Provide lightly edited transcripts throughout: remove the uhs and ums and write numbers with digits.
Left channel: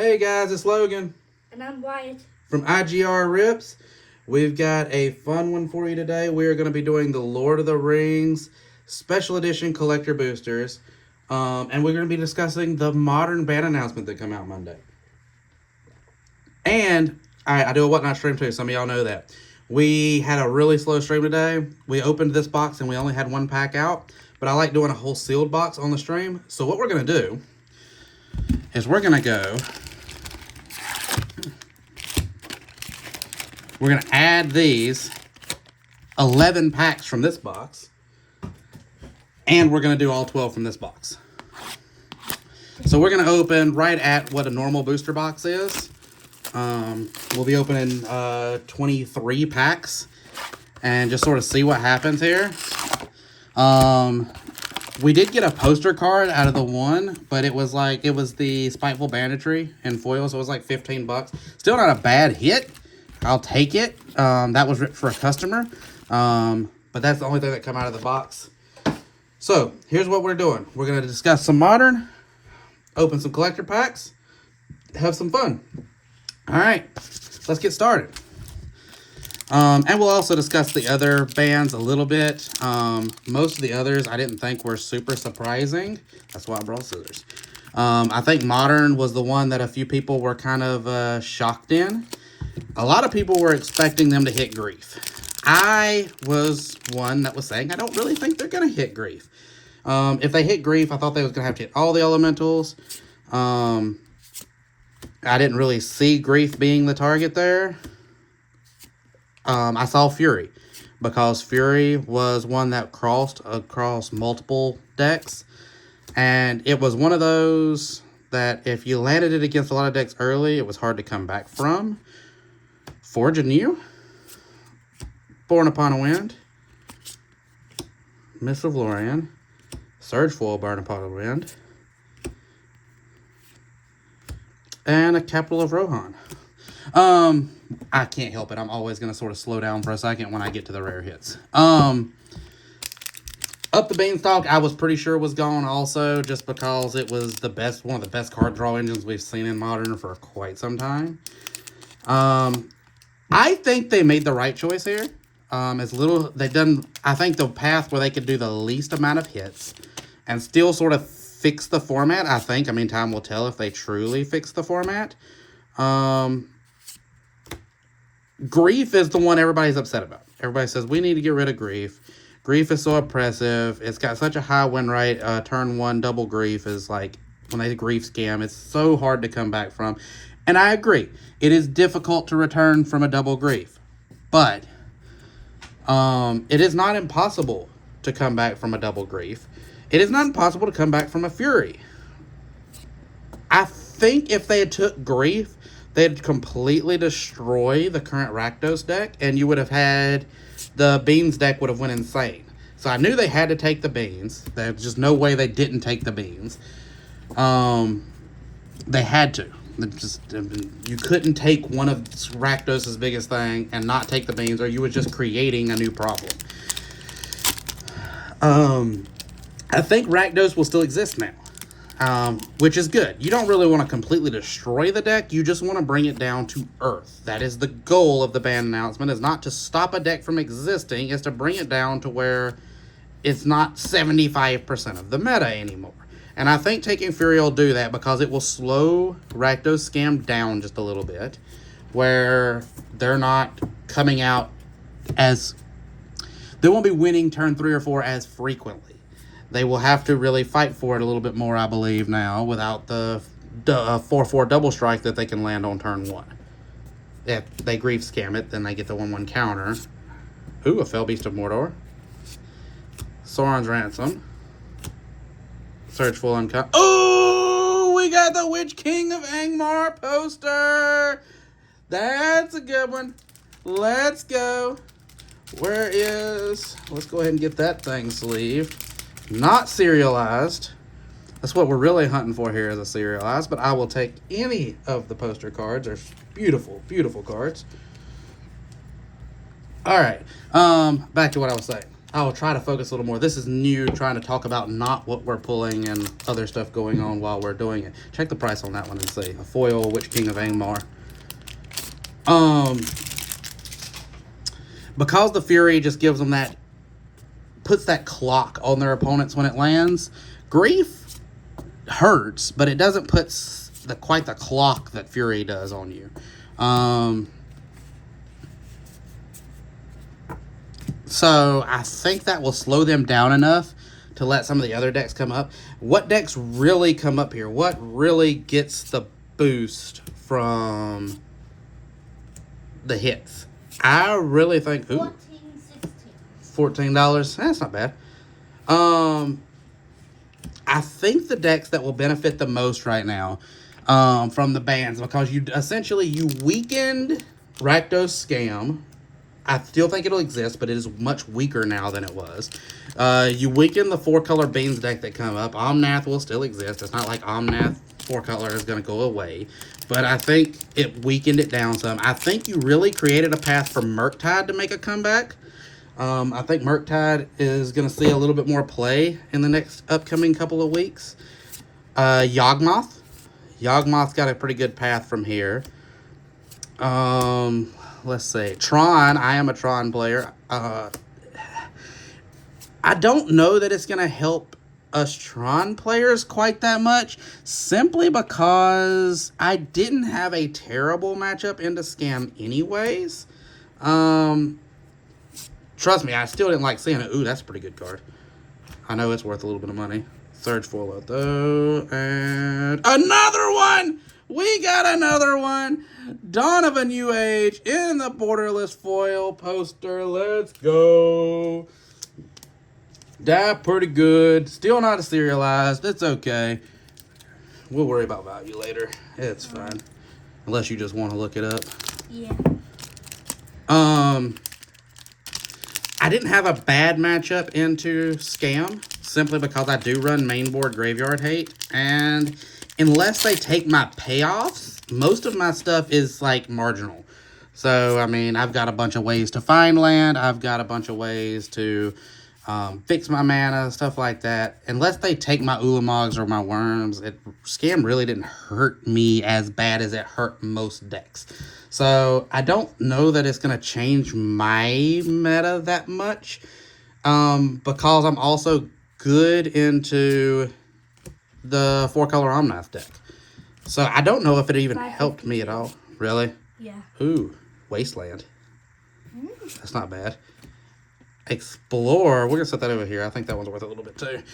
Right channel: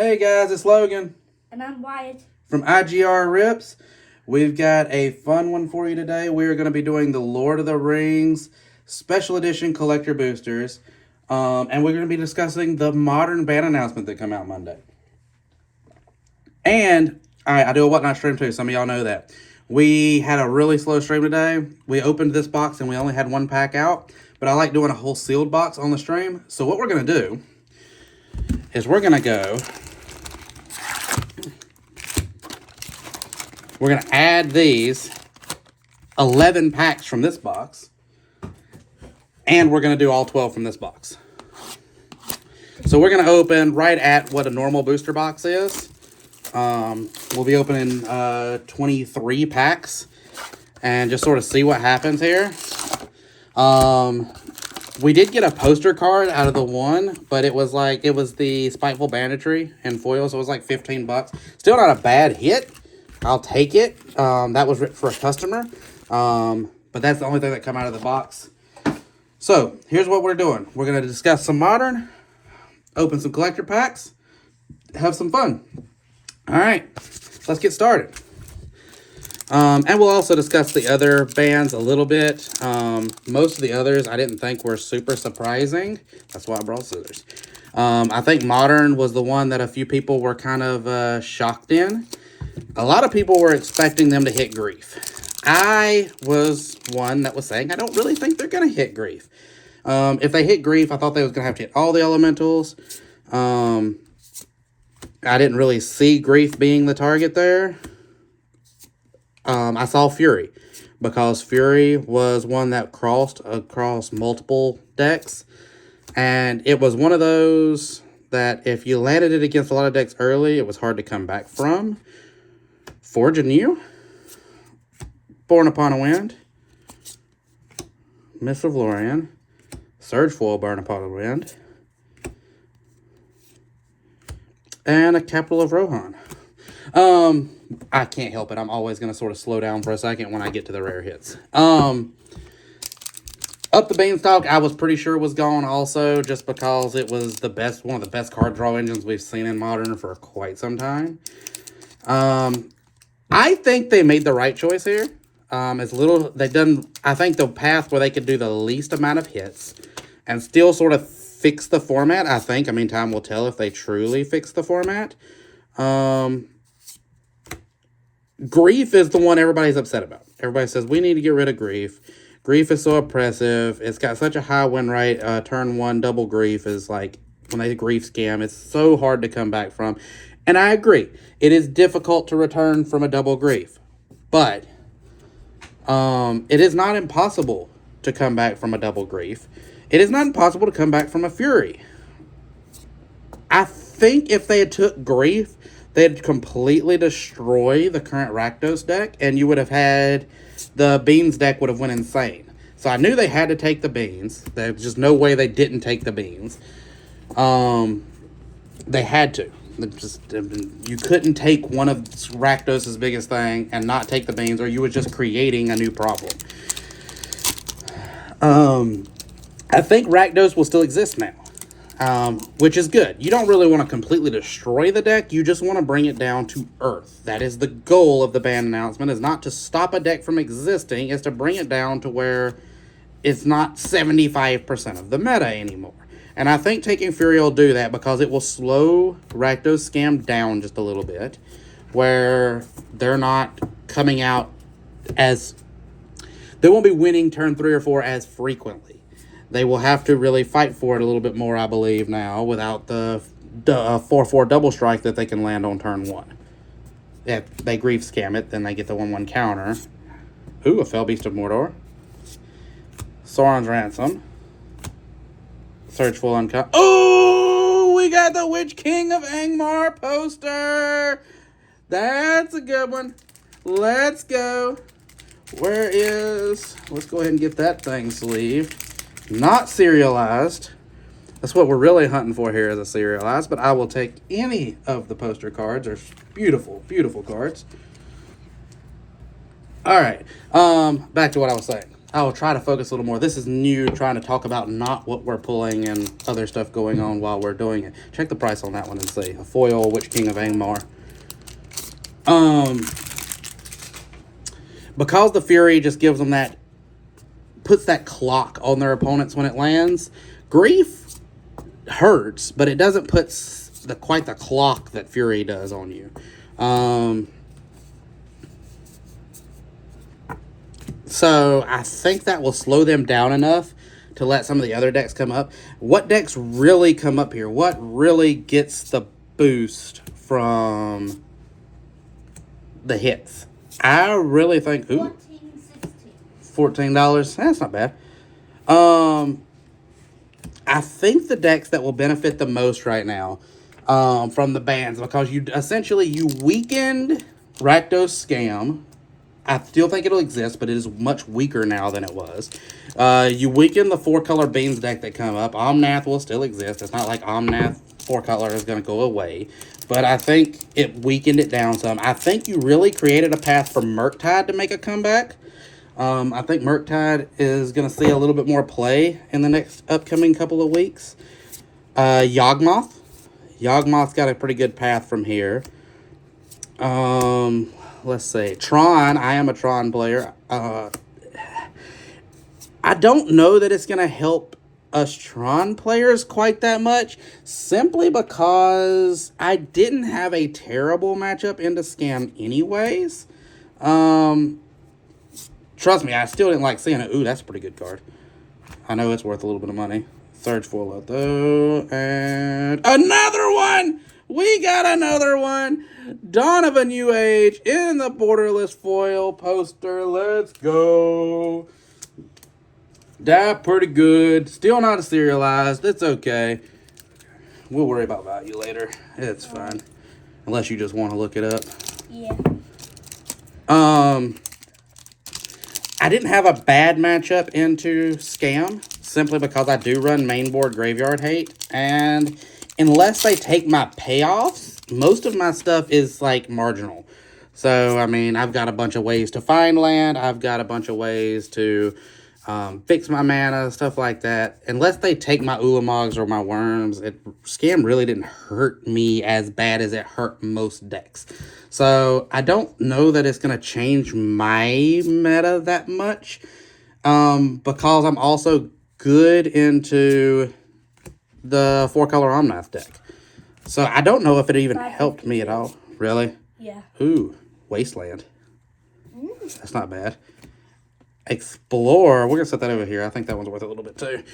Hey guys, it's Logan And I'm Wyatt. from IGR Rips. We've got a fun one for you today. We're going to be doing the Lord of the Rings Special Edition Collector Boosters. And we're going to be discussing the modern band announcement that come out Monday. And I do a Whatnot stream too. Some of y'all know that. We had a really slow stream today. We opened this box and we only had one pack out. But I like doing a whole sealed box on the stream. So what we're going to do is we're going to add these 11 packs from this box. And we're going to do all 12 from this box. So we're going to open right at what a normal booster box is. We'll be opening 23 packs and just sort of see what happens here. We did get a poster card out of the one, but it was the Spiteful Banditry in foil, so it was like 15 bucks. Still not a bad hit. I'll take it. That was written for a customer. But that's the only thing that come out of the box. So here's what we're doing. We're going to discuss some modern, open some collector packs, have some fun. All right, let's get started. And we'll also discuss the other bands a little bit. Most of the others I didn't think were super surprising. That's why I brought scissors. I think Modern was the one that a few people were kind of shocked in. A lot of people were expecting them to hit Grief. I was one that was saying I don't really think they're going to hit Grief. If they hit Grief, I thought they was going to have to hit all the elementals. I didn't really see Grief being the target there. I saw Fury, because Fury was one that crossed across multiple decks, and it was one of those that if you landed it against a lot of decks early, it was hard to come back from. Forge Anew, Born Upon a Wind, Mists of Lorien, Surge Foil Burn Upon a Wind, and a Capital of Rohan. I can't help it. I'm always going to sort of slow down for a second when I get to the rare hits. Up the Beanstalk, I was pretty sure was gone also, just because it was one of the best card draw engines we've seen in Modern for quite some time. I think they made the right choice here. I think the path where they could do the least amount of hits and still sort of fix the format, time will tell if they truly fix the format. Grief is the one everybody's upset about. Everybody says, we need to get rid of Grief. Grief is so oppressive. It's got such a high win rate. Turn 1 double Grief is like, when they Grief scam, it's so hard to come back from. And I agree. It is difficult to return from a double Grief. But it is not impossible to come back from a double Grief. It is not impossible to come back from a Fury. I think if they had took Grief, they'd completely destroy the current Rakdos deck, and you would have had the Beans deck would have went insane. So I knew they had to take the Beans. There's just no way they didn't take the Beans. They had to. You couldn't take one of Rakdos' biggest thing and not take the Beans, or you were just creating a new problem. I think Rakdos will still exist now. Which is good. You don't really want to completely destroy the deck. You just want to bring it down to earth. That is the goal of the ban announcement, is not to stop a deck from existing, is to bring it down to where it's not 75% of the meta anymore. And I think taking Fury will do that, because it will slow Rakdos scam down just a little bit, where they're not coming out as... They won't be winning turn 3 or 4 as frequently. They will have to really fight for it a little bit more, I believe, now, without the 4/4 double strike that they can land on turn 1. If they Grief scam it, then they get the 1/1 counter. Ooh, a Fell Beast of Mordor. Sauron's Ransom. Search Full Uncut. Oh, we got the Witch King of Angmar poster. That's a good one. Let's go. Let's go ahead and get that thing sleeved. Not serialized. That's what we're really hunting for here, is a serialized, but I will take any of the poster cards. They're beautiful, beautiful cards. All right, back to what I was saying. I'll try to focus a little more. This is new, trying to talk about not what we're pulling and other stuff going on while we're doing it. Check the price on that one and see. A foil, Witch King of Angmar. Because the Fury just gives them that, puts that clock on their opponents when it lands. Grief hurts, but it doesn't put quite the clock that Fury does on you. So I think that will slow them down enough to let some of the other decks come up. What decks really come up here? What really gets the boost from the hits? I really think... Ooh, $14. That's not bad. I think the decks that will benefit the most right now from the bans, because you weakened Rakdos Scam. I still think it'll exist, but it is much weaker now than it was. You weaken the 4-color Beans deck that come up. Omnath will still exist. It's not like Omnath 4-color is going to go away. But I think it weakened it down some. I think you really created a path for Murktide to make a comeback. I think Murktide is going to see a little bit more play in the next upcoming couple of weeks. Yawgmoth. Yawgmoth's got a pretty good path from here. Let's see. Tron. I am a Tron player. I don't know that it's going to help us Tron players quite that much, simply because I didn't have a terrible matchup into Scam anyways. Trust me, I still didn't like seeing it. Ooh, that's a pretty good card. I know it's worth a little bit of money. Surge foil though, and another one! We got another one! Dawn of a New Age in the borderless foil poster. Let's go! That pretty good. Still not serialized. It's okay. We'll worry about value later. It's fine. Unless you just want to look it up. Yeah. I didn't have a bad matchup into Scam, simply because I do run mainboard Graveyard Hate, and unless they take my payoffs, most of my stuff is, like, marginal. So, I mean, I've got a bunch of ways to find land, I've got a bunch of ways to fix my mana, stuff like that. Unless they take my Ulamogs or my Worms, Scam really didn't hurt me as bad as it hurt most decks. So, I don't know that it's going to change my meta that much, because I'm also good into the 4-color Omnath deck. So, I don't know if it even helped me at all. Really? Yeah. Ooh, Wasteland. That's not bad. Explore. We're going to set that over here. I think that one's worth a little bit too.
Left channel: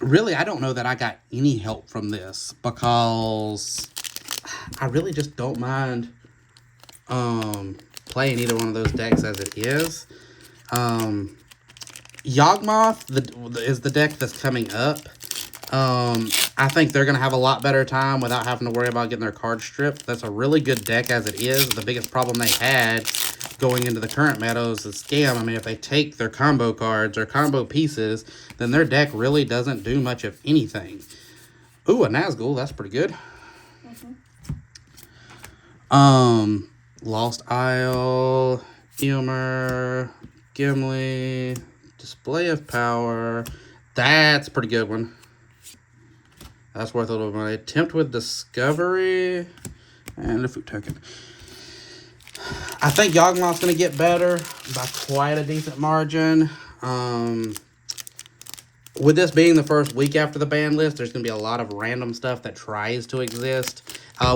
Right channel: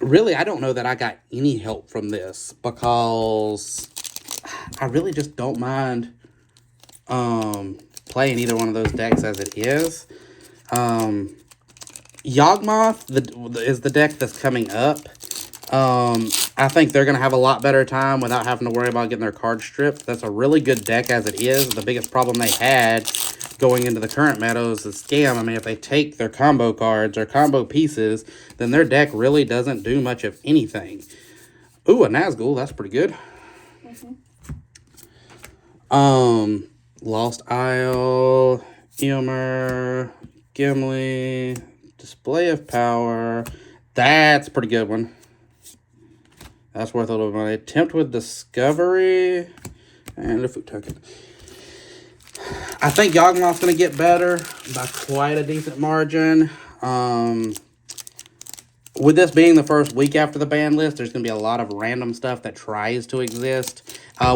Really, I don't know that I got any help from this, because I really just don't mind playing either one of those decks as it is. Yawgmoth is the deck that's coming up. I think they're going to have a lot better time without having to worry about getting their cards stripped. That's a really good deck as it is. The biggest problem they had going into the current meadows is Scam. I mean, if they take their combo cards or combo pieces, then their deck really doesn't do much of anything. Ooh, a Nazgul. That's pretty good. Lost Isle, Eomer, Gimli, Display of Power. That's a pretty good one. That's worth a little money. Attempt with Discovery and a food token. I think Yawgmoth's going to get better by quite a decent margin. With this being the first week after the ban list, there's going to be a lot of random stuff that tries to exist.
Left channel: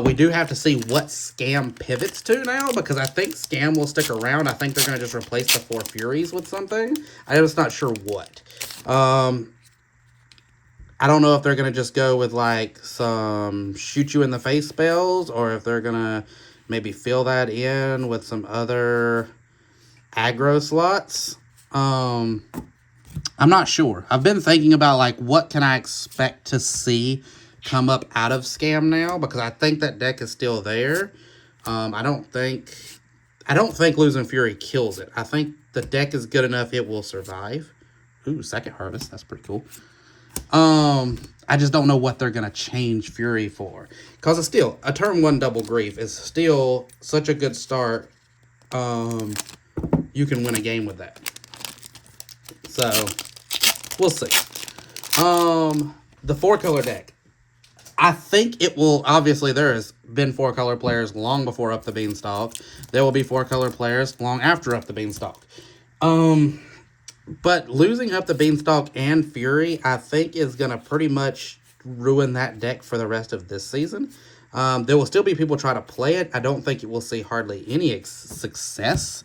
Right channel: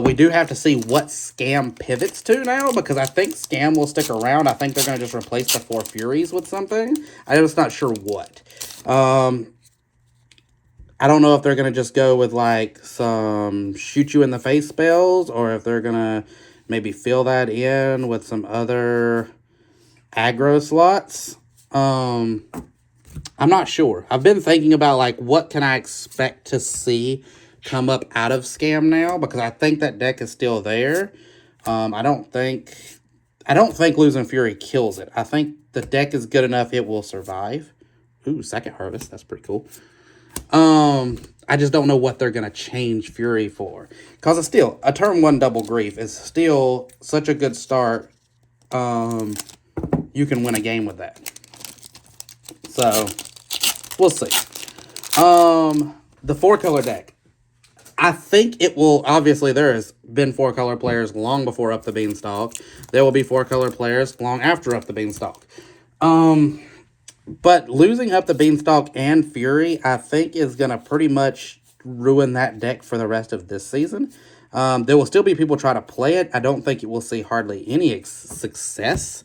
We do have to see what Scam pivots to now, because I think Scam will stick around. I think they're going to just replace the 4 Furies with something. I'm just not sure what. I don't know if they're going to just go with, like, some shoot you in the face spells, or if they're going to maybe fill that in with some other aggro slots. I'm not sure. I've been thinking about, like, what can I expect to see come up out of Scam now, because I think that deck is still there. I don't think losing Fury kills it. I think the deck is good enough it will survive. Ooh, Second Harvest. That's pretty cool. I just don't know what they're going to change Fury for. Because it's still, a turn 1 double grief is still such a good start. You can win a game with that. So, we'll see. The 4-color deck. I think it will, obviously there has been 4-color players long before Up the Beanstalk. There will be 4-color players long after Up the Beanstalk. But losing Up the Beanstalk and Fury, I think is going to pretty much ruin that deck for the rest of this season. There will still be people trying to play it. I don't think it will see hardly any success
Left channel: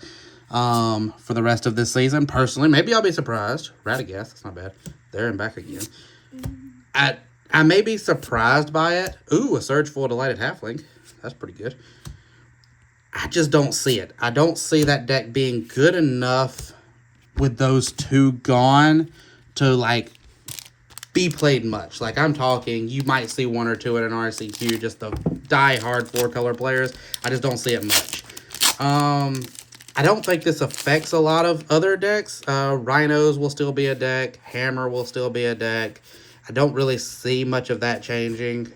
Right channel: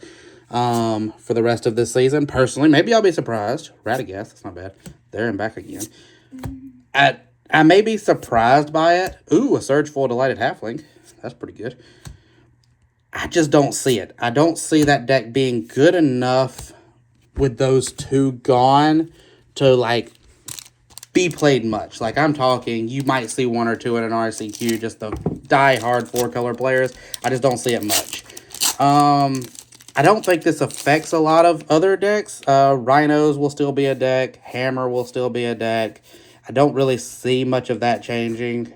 for the rest of this season. Personally, maybe I'll be surprised. Radagast, that's not bad. There and back again. I may be surprised by it. Ooh, a Surgeful Delighted Halfling. That's pretty good. I just don't see it. I don't see that deck being good enough with those two gone to, like, be played much. Like, I'm talking, you might see 1 or 2 in an RCQ, just the die-hard 4-color players. I just don't see it much. I don't think this affects a lot of other decks. Rhinos will still be a deck. Hammer will still be a deck. I don't really see much of that changing.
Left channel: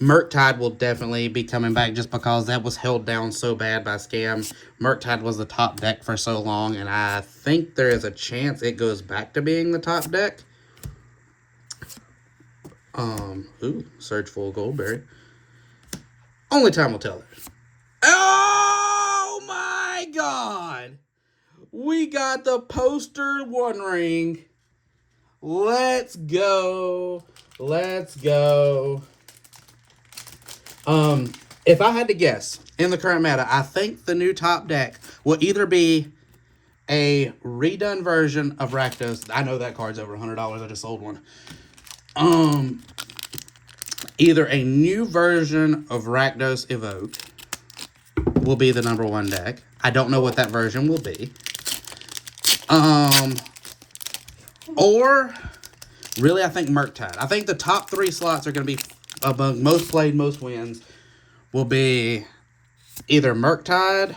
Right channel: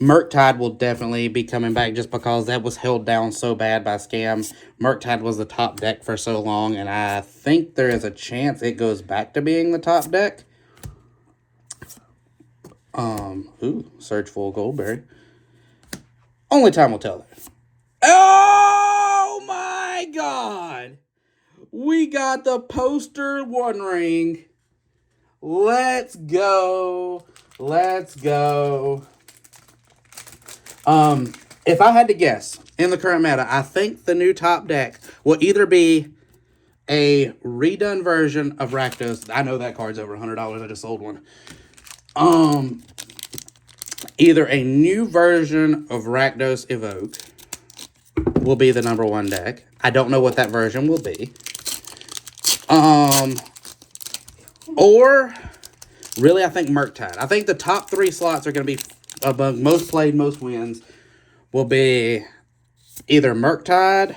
Murktide will definitely be coming back just because that was held down so bad by scams. Murktide was the top deck for so long, and I think there is a chance it goes back to being the top deck. Ooh, Surgeful Goldberry. Only time will tell that. Oh my God! We got the poster One Ring. Let's go. Let's go. If I had to guess, in the current meta, I think the new top deck will either be a redone version of Rakdos. I know that card's over $100. I just sold one. Either a new version of Rakdos Evoke will be the #1 deck. I don't know what that version will be. Or, really, I think Murktide. I think the top 3 slots are going to be among most played, most wins, will be either Murktide,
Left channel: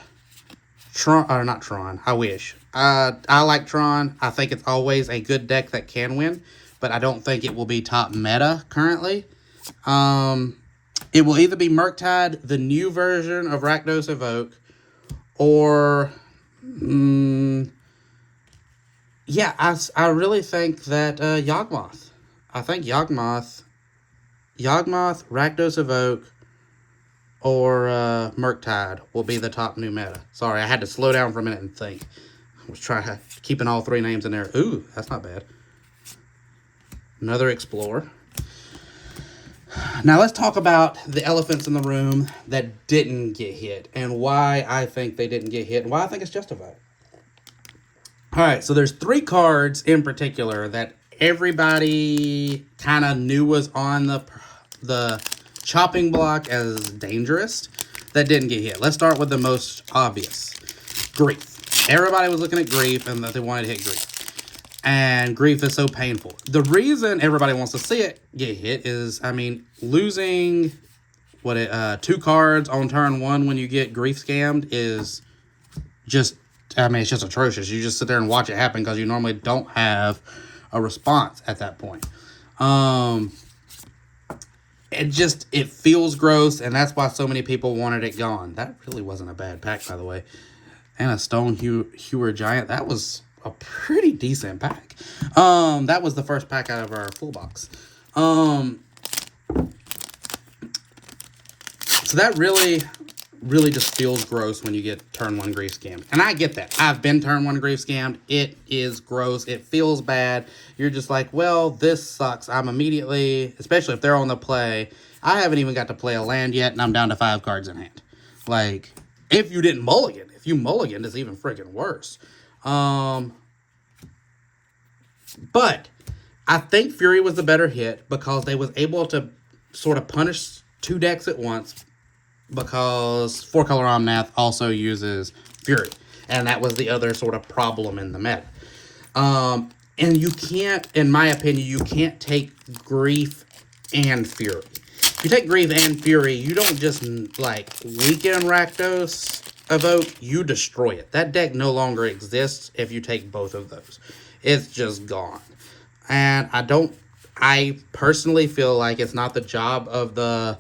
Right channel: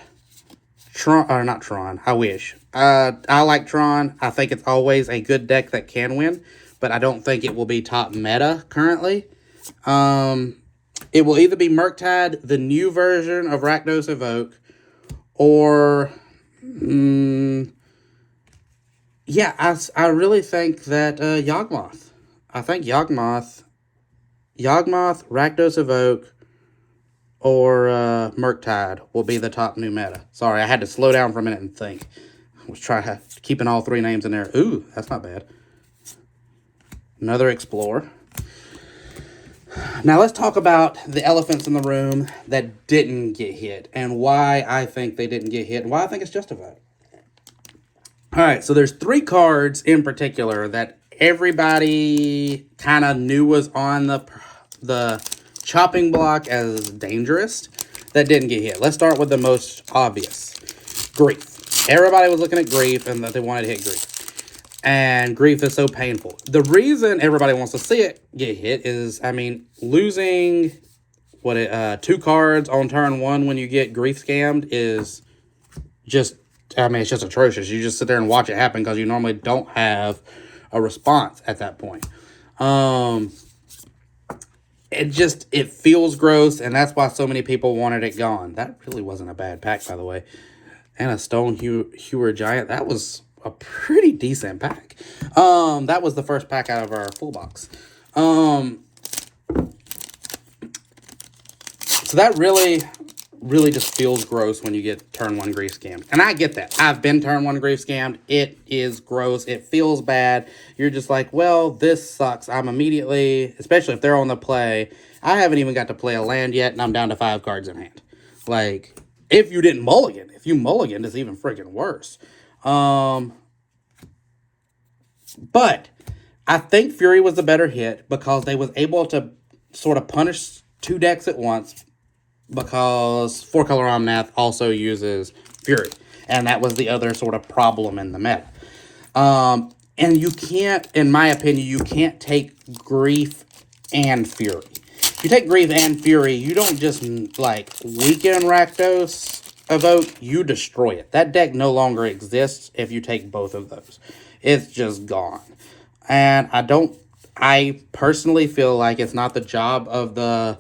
Tron, or not Tron, I wish. I like Tron. I think it's always a good deck that can win, but I don't think it will be top meta currently. It will either be Murktide, the new version of Rakdos Evoke, or, yeah, I really think that Yawgmoth. I think Yawgmoth, Rakdos Evoke, or Murktide will be the top new meta. Sorry, I had to slow down for a minute and think. I was trying keeping all 3 names in there. Ooh, that's not bad. Another Explorer. Now let's talk about the elephants in the room that didn't get hit and why I think they didn't get hit and why I think it's justified. All right, so there's 3 cards in particular that everybody kind of knew was on the chopping block as dangerous that didn't get hit. Let's start with the most obvious. Grief. Everybody was looking at Grief and that they wanted to hit Grief. And Grief is so painful. The reason everybody wants to see it get hit is, I mean, losing 2 cards on turn 1 when you get Grief scammed is just, I mean, it's just atrocious. You just sit there and watch it happen because you normally don't have a response at that point. It feels gross, and that's why so many people wanted it gone. That really wasn't a bad pack, by the way. And a Stone Hewer Giant. That was a pretty decent pack. That was the first pack out of our full box. So that really just feels gross when you get turn 1 Grief scammed. And I get that. I've been turn 1 Grief scammed. It is gross. It feels bad. You're just like, well, this sucks. I'm immediately, especially if they're on the play, I haven't even got to play a land yet, and I'm down to 5 cards in hand. Like, if you didn't mulligan. If you mulligan, it's even freaking worse. But I think Fury was the better hit because they was able to sort of punish 2 decks at once because 4-color Omnath also uses Fury. And that was the other sort of problem in the meta. And you can't, in my opinion, you can't take Grief and Fury. If you take Grief and Fury, you don't just, like, weaken Rakdos Evoke, you destroy it. That deck no longer exists if you take both of those. It's just gone. And I personally feel like it's not the job of the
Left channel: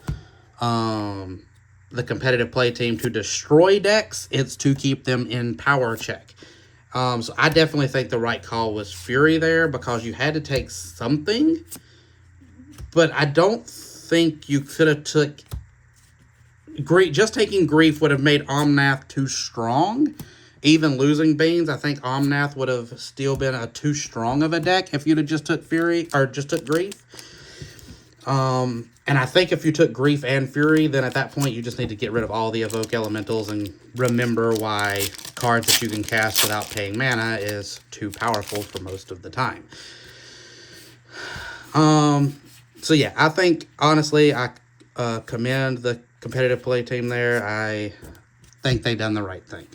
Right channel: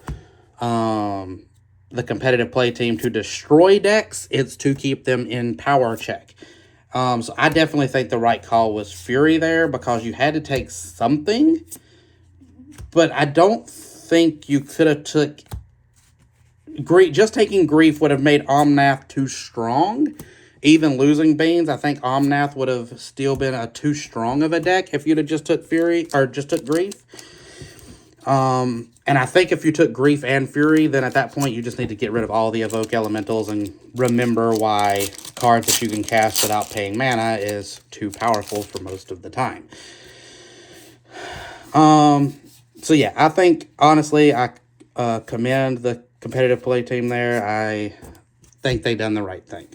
competitive play team to destroy decks. It's to keep them in power check. So I definitely think the right call was Fury there because you had to take something. But I don't think you could have took Grief. Just taking Grief would have made Omnath too strong. Even losing Beans, I think Omnath would have still been a too strong of a deck if you'd have just took Fury or just took Grief. And I think if you took Grief and Fury, then at that point you just need to get rid of all the Evoke Elementals and remember why cards that you can cast without paying mana is too powerful for most of the time. So yeah, I think, honestly, I commend the competitive play team there. I think they done the right thing.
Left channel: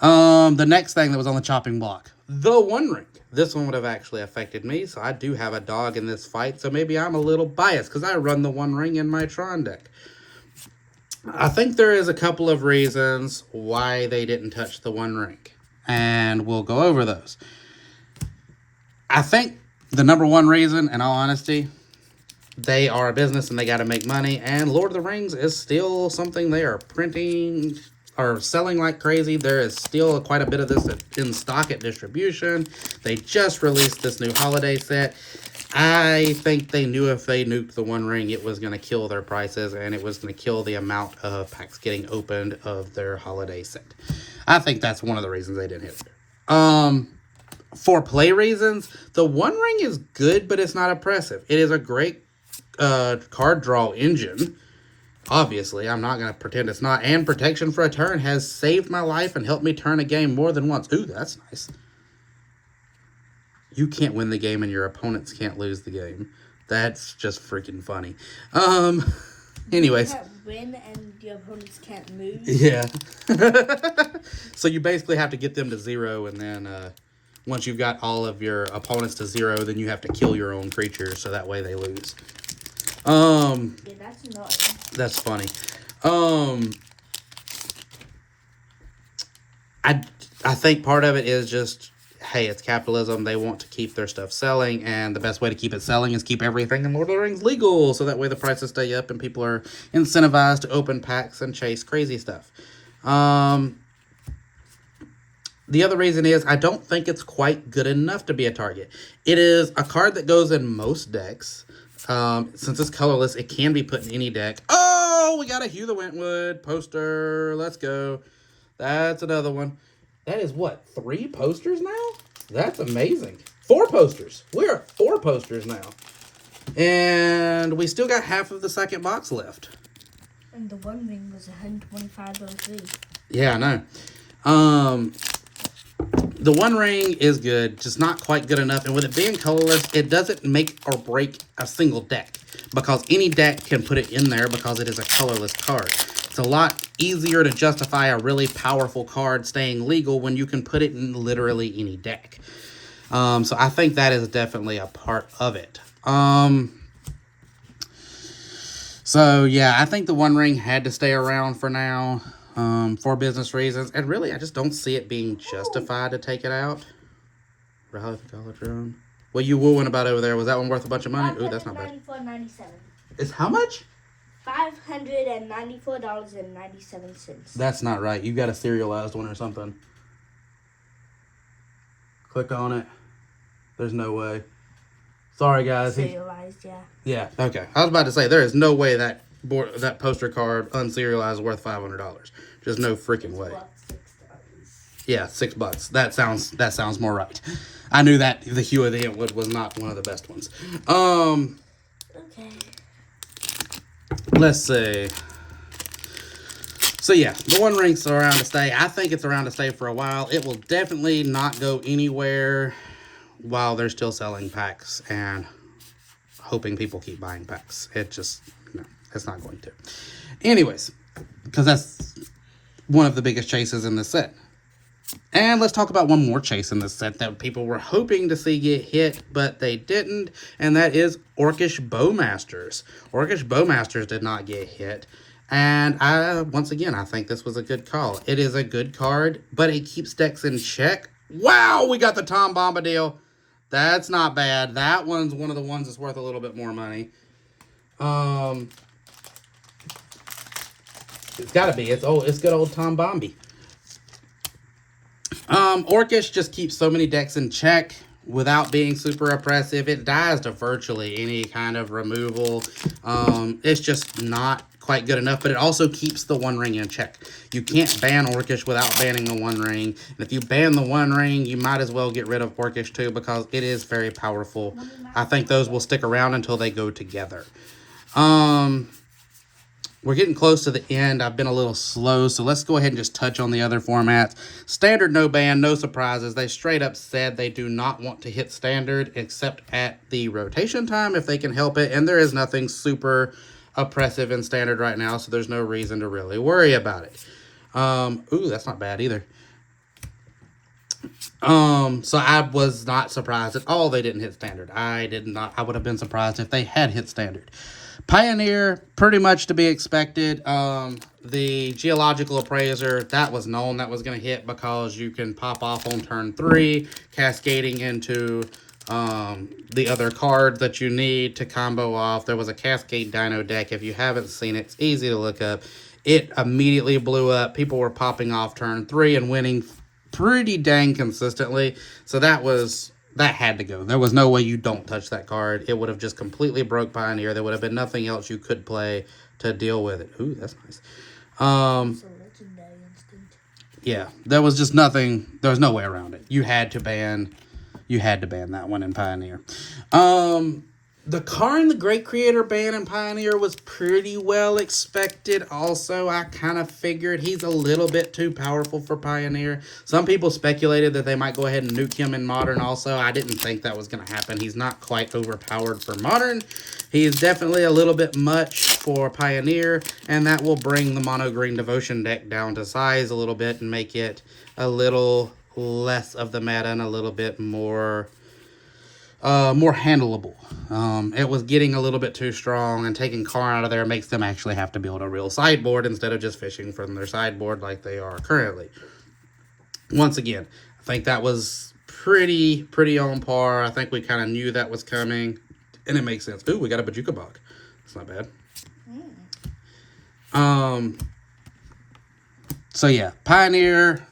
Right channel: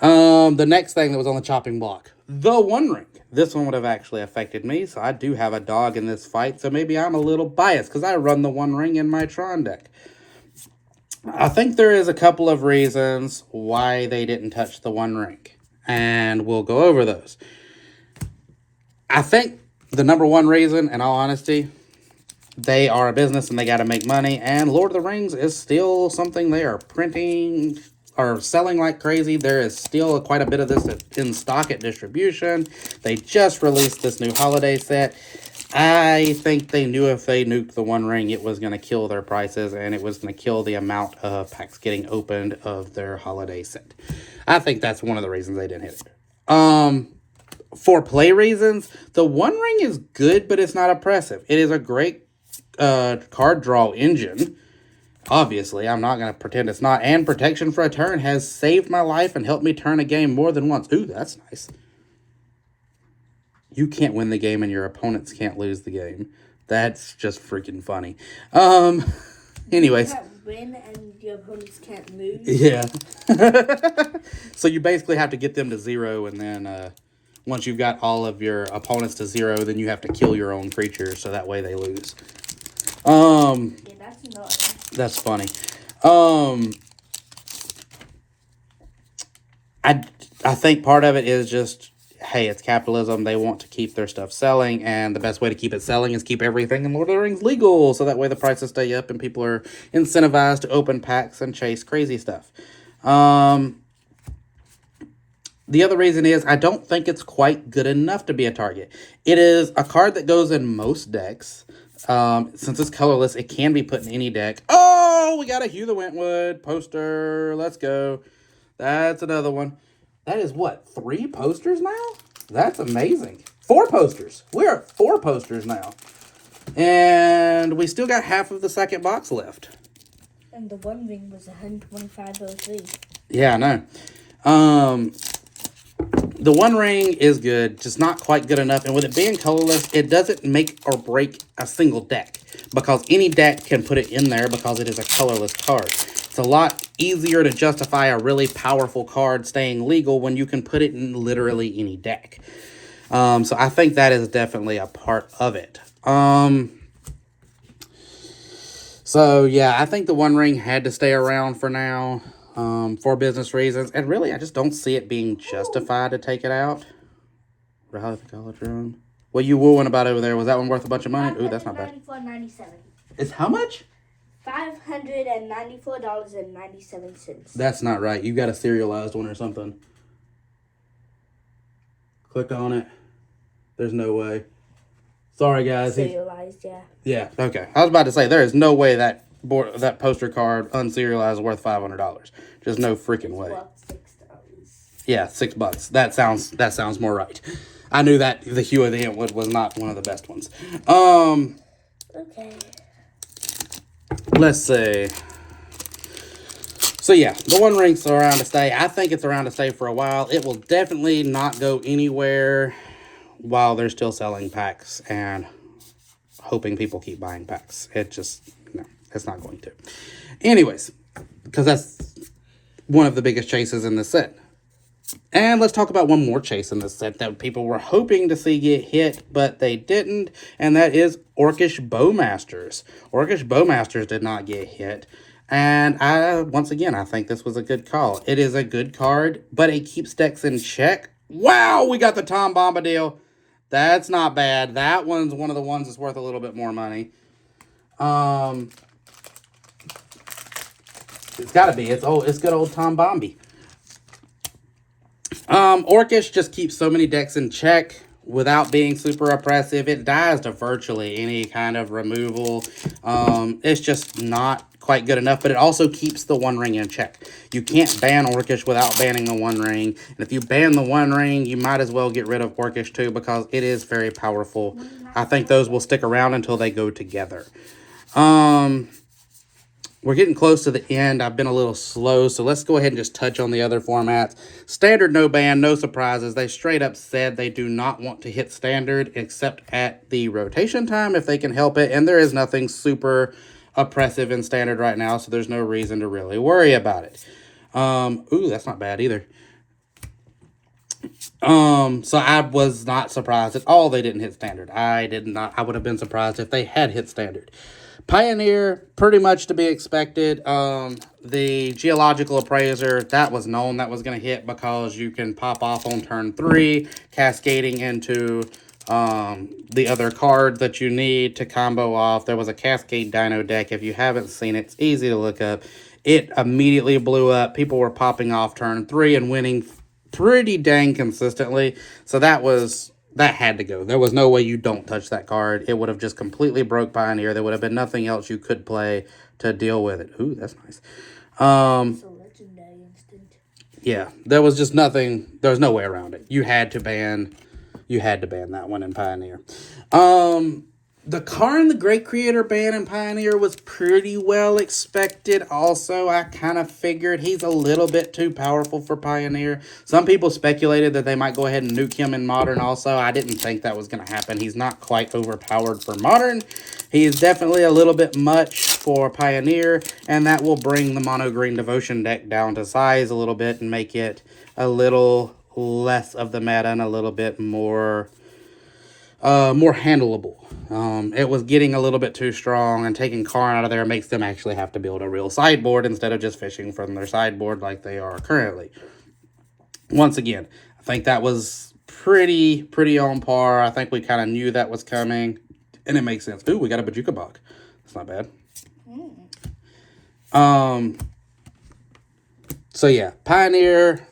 The next thing that was on the chopping block, the One Ring. This one would have actually affected me, so I do have a dog in this fight, so maybe I'm a little biased because I run the One Ring in my Tron deck. I think there is a couple of reasons why they didn't touch the One Ring, and we'll go over those. I think the number one reason, in all honesty, they are a business and they got to make money, and Lord of the Rings is still something they are printing or selling like crazy. There is still quite a bit of this in stock at distribution. They just released this new holiday set. I think they knew if they nuked the One Ring, it was going to kill their prices, and it was going to kill the amount of packs getting opened of their holiday set. I think that's one of the reasons they didn't hit it. For play reasons, the One Ring is good, but it's not oppressive. It is a great card draw engine. Obviously, I'm not going to pretend it's not. And protection for a turn has saved my life and helped me turn a game more than once. Ooh, that's nice. You can't win the game and your opponents can't lose the game. That's just freaking funny. Anyways. You can't win and your opponents can't lose. Yeah. So you basically have to get them to 0, and then once you've got all of your opponents to 0, then you have to kill your own creatures so that way they lose. Yeah, that's annoying. That's funny. I think part of it is just, hey, it's capitalism. They want to keep their stuff selling, and the best way to keep it selling is keep everything in Lord of the Rings legal, so that way the prices stay up and people are incentivized to open packs and chase crazy stuff. The other reason is I don't think it's quite good enough to be a target. It is a card that goes in most decks. Since it's colorless, it can be put in any deck. Oh, we got a Hugh the Wentwood poster. Let's go. That's another one. That is what, 3 posters now? That's amazing. 4 posters. We're at 4 posters now. And we still got half of the second box left. And the One Ring was 125.03. Yeah, I know. The One Ring is good, just not quite good enough. And with it being colorless, it doesn't make or break a single deck, because any deck can put it in there because it is a colorless card. It's a lot easier to justify a really powerful card staying legal when you can put it in literally any deck. So I think that is definitely a part of it. So yeah, I think the One Ring had to stay around for now. For business reasons, and really I just don't see it being justified to take it out. Rally the College Room. What you wooing about over there? Was that one worth a bunch of money? Ooh, that's not bad. $594.97. It's how much? $594.97. That's not right. You got a serialized one or something. Click on it. There's no way. Sorry guys. Serialized, yeah. Yeah, okay. I was about to say there is no way that poster card unserialized is worth $500. Just no freaking way. $6. Yeah, $6. That sounds more right. I knew that the Hue of the Wentwood was not one of the best ones. Okay. Let's see. So yeah, the One Ring's around to stay. I think it's around to stay for a while. It will definitely not go anywhere while they're still selling packs and hoping people keep buying packs. It just, no, it's not going to. Anyways, because that's one of the biggest chases in this set. And let's talk about one more chase in this set that people were hoping to see get hit, but they didn't, and that is Orcish Bowmasters. Orcish Bowmasters did not get hit, and once again, I think this was a good call. It is a good card, but it keeps decks in check. Wow, we got the Tom Bombadil. That's not bad. That one's one of the ones that's worth a little bit more money. It's gotta be. It's good old Tom Bombi. Orcish just keeps so many decks in check without being super oppressive. It dies to virtually any kind of removal. It's just not quite good enough, but it also keeps the One Ring in check. You can't ban Orcish without banning the One Ring. And if you ban the One Ring, you might as well get rid of Orcish too, because it is very powerful. I think those will stick around until they go together. We're getting close to the end. I've been a little slow, so let's go ahead and just touch on the other formats. Standard, no ban, no surprises. They straight up said they do not want to hit Standard except at the rotation time if they can help it, and there is nothing super oppressive in Standard right now, so there's no reason to really worry about it. Ooh, that's not bad either. So I was not surprised at all they didn't hit Standard. I would have been surprised if they had hit Standard. Pioneer, pretty much to be expected. The Geological Appraiser, that was known that was going to hit because you can pop off on turn 3, cascading into the other card that you need to combo off. There was a Cascade Dino deck. If you haven't seen it, it's easy to look up. It immediately blew up. People were popping off turn 3 and winning pretty dang consistently. So that had to go. There was no way you don't touch that card. It would have just completely broke Pioneer. There would have been nothing else you could play to deal with it. Ooh, that's nice. So legendary instant. Yeah, there was just nothing. There was no way around it. You had to ban that one in Pioneer. The Karn the Great Creator ban in Pioneer was pretty well expected. Also, I kind of figured he's a little bit too powerful for Pioneer. Some people speculated that they might go ahead and nuke him in Modern also. I didn't think that was going to happen. He's not quite overpowered for Modern. He is definitely a little bit much for Pioneer, and that will bring the Mono Green Devotion deck down to size a little bit and make it a little less of the meta and a little bit more handleable. It was getting a little bit too strong, and taking Karn out of there makes them actually have to build a real sideboard instead of just fishing from their sideboard like they are currently. Once again, I think that was pretty on par. I think we kind of knew that was coming, and it makes sense. Ooh, we got a Bojuka Bog. That's not bad. So yeah, Pioneer,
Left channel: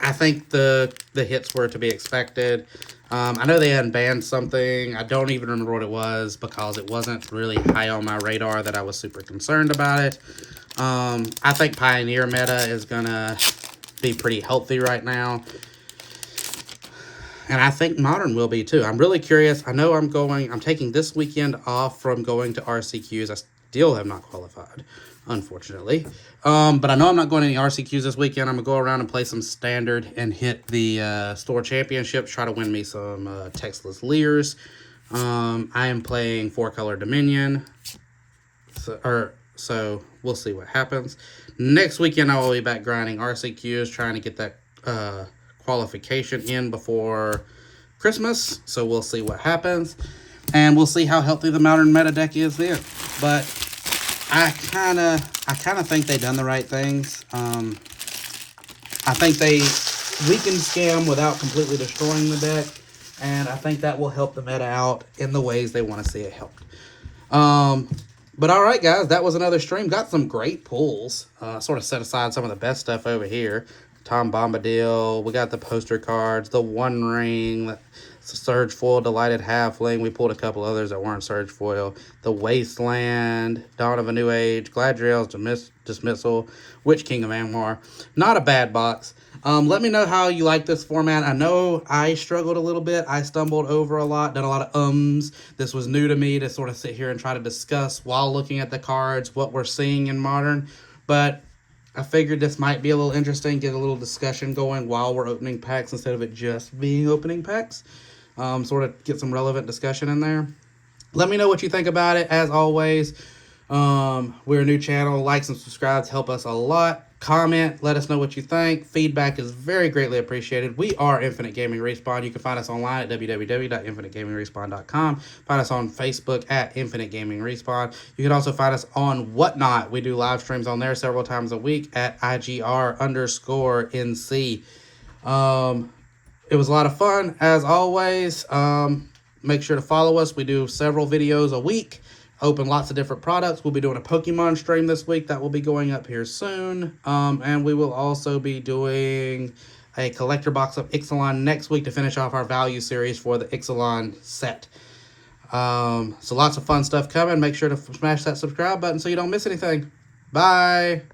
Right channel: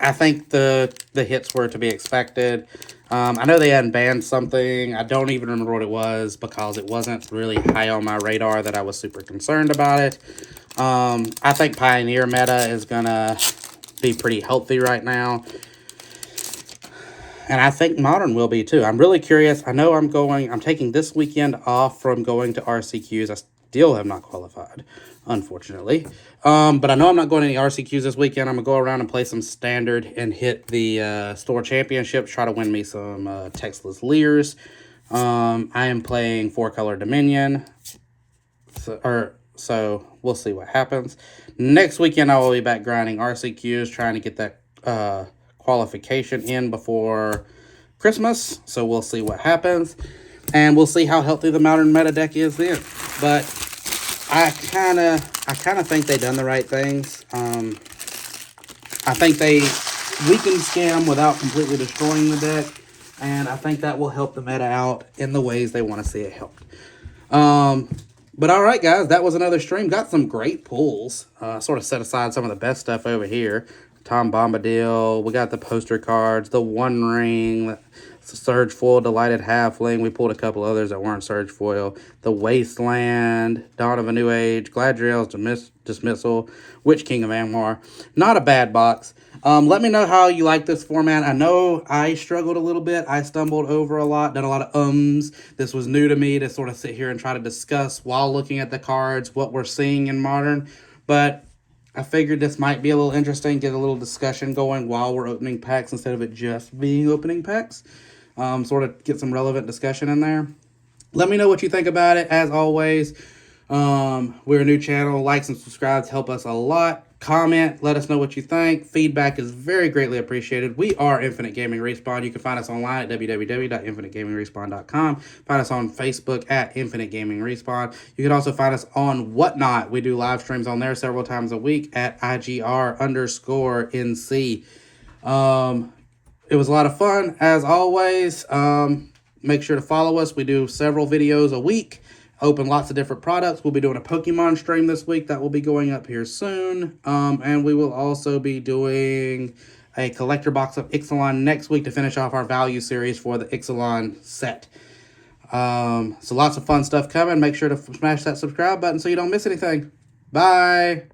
I think the hits were to be expected. I know they hadn't banned something. I don't even remember what it was because it wasn't really high on my radar that I was super concerned about it. I think Pioneer meta is going to be pretty healthy right now. And I think Modern will be too. I'm really curious. I know I'm taking this weekend off from going to RCQs. I still have not qualified, unfortunately. But I know I'm not going to any RCQs this weekend. I'm going to go around and play some Standard and hit the store championships, try to win me some Textless Leers. I am playing 4-color Dominion. So we'll see what happens. Next weekend, I will be back grinding RCQs, trying to get that qualification in before Christmas. So we'll see what happens. And we'll see how healthy the Modern meta deck is then. But I kind of think they done the right things. I think they weakened Scam without completely destroying the deck, and I think that will help the meta out in the ways they want to see it helped. But all right, guys, that was another stream. Got some great pulls. Sort of set aside some of the best stuff over here. Tom Bombadil. We got the poster cards, the One Ring, Surge Foil, Delighted Halfling. We pulled a couple others that weren't Surge Foil. The Wasteland, Dawn of a New Age, Gladriel's Dismissal, Witch King of Angmar. Not a bad box. Let me know how you like this format. I know I struggled a little bit. I stumbled over a lot, done a lot of ums. This was new to me to sort of sit here and try to discuss while looking at the cards what we're seeing in Modern. But I figured this might be a little interesting, get a little discussion going while we're opening packs instead of it just being opening packs. Sort of get some relevant discussion in there. Let me know what you think about it. As always, we're a new channel. Likes and subscribes help us a lot. Comment, let us know what you think. Feedback is very greatly appreciated. We are Infinite Gaming Respawn. You can find us online at www.infinitegamingrespawn.com. Find us on Facebook at Infinite Gaming Respawn. You can also find us on Whatnot. We do live streams on there several times a week at IGR_NC. It was a lot of fun, as always. Make sure to follow us. We do several videos a week. Open lots of different products. We'll be doing a Pokemon stream this week that will be going up here soon. And we will also be doing a collector box of Ixalan next week to finish off our value series for the Ixalan set. So lots of fun stuff coming. Make sure to smash that subscribe button so you don't miss anything. Bye.